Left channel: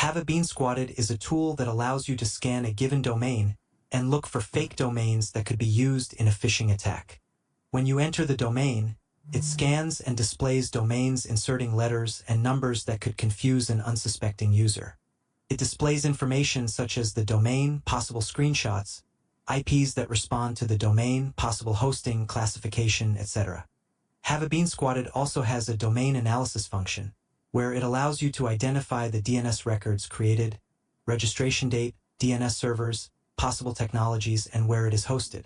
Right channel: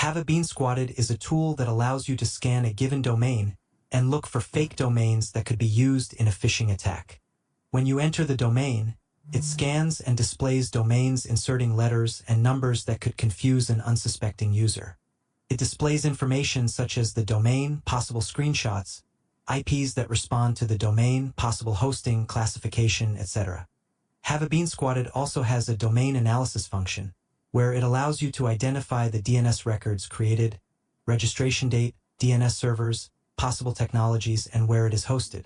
Have it been squatted is a tool that allows you to scan a given domain and look for fake domains that could be used in a phishing attack. When you enter the domain, it scans and displays domains inserting letters and numbers that could confuse an unsuspecting user. It displays information such as the domain, possible screenshots, IPs that respond to the domain, possible hosting, classification, etc. Have it been squatted also has a domain analysis function, where it allows you to identify the DNS records created, registration date, DNS servers, possible technologies, and where it is hosted.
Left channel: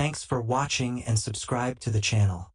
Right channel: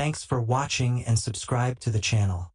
Thanks for watching and subscribe to the channel.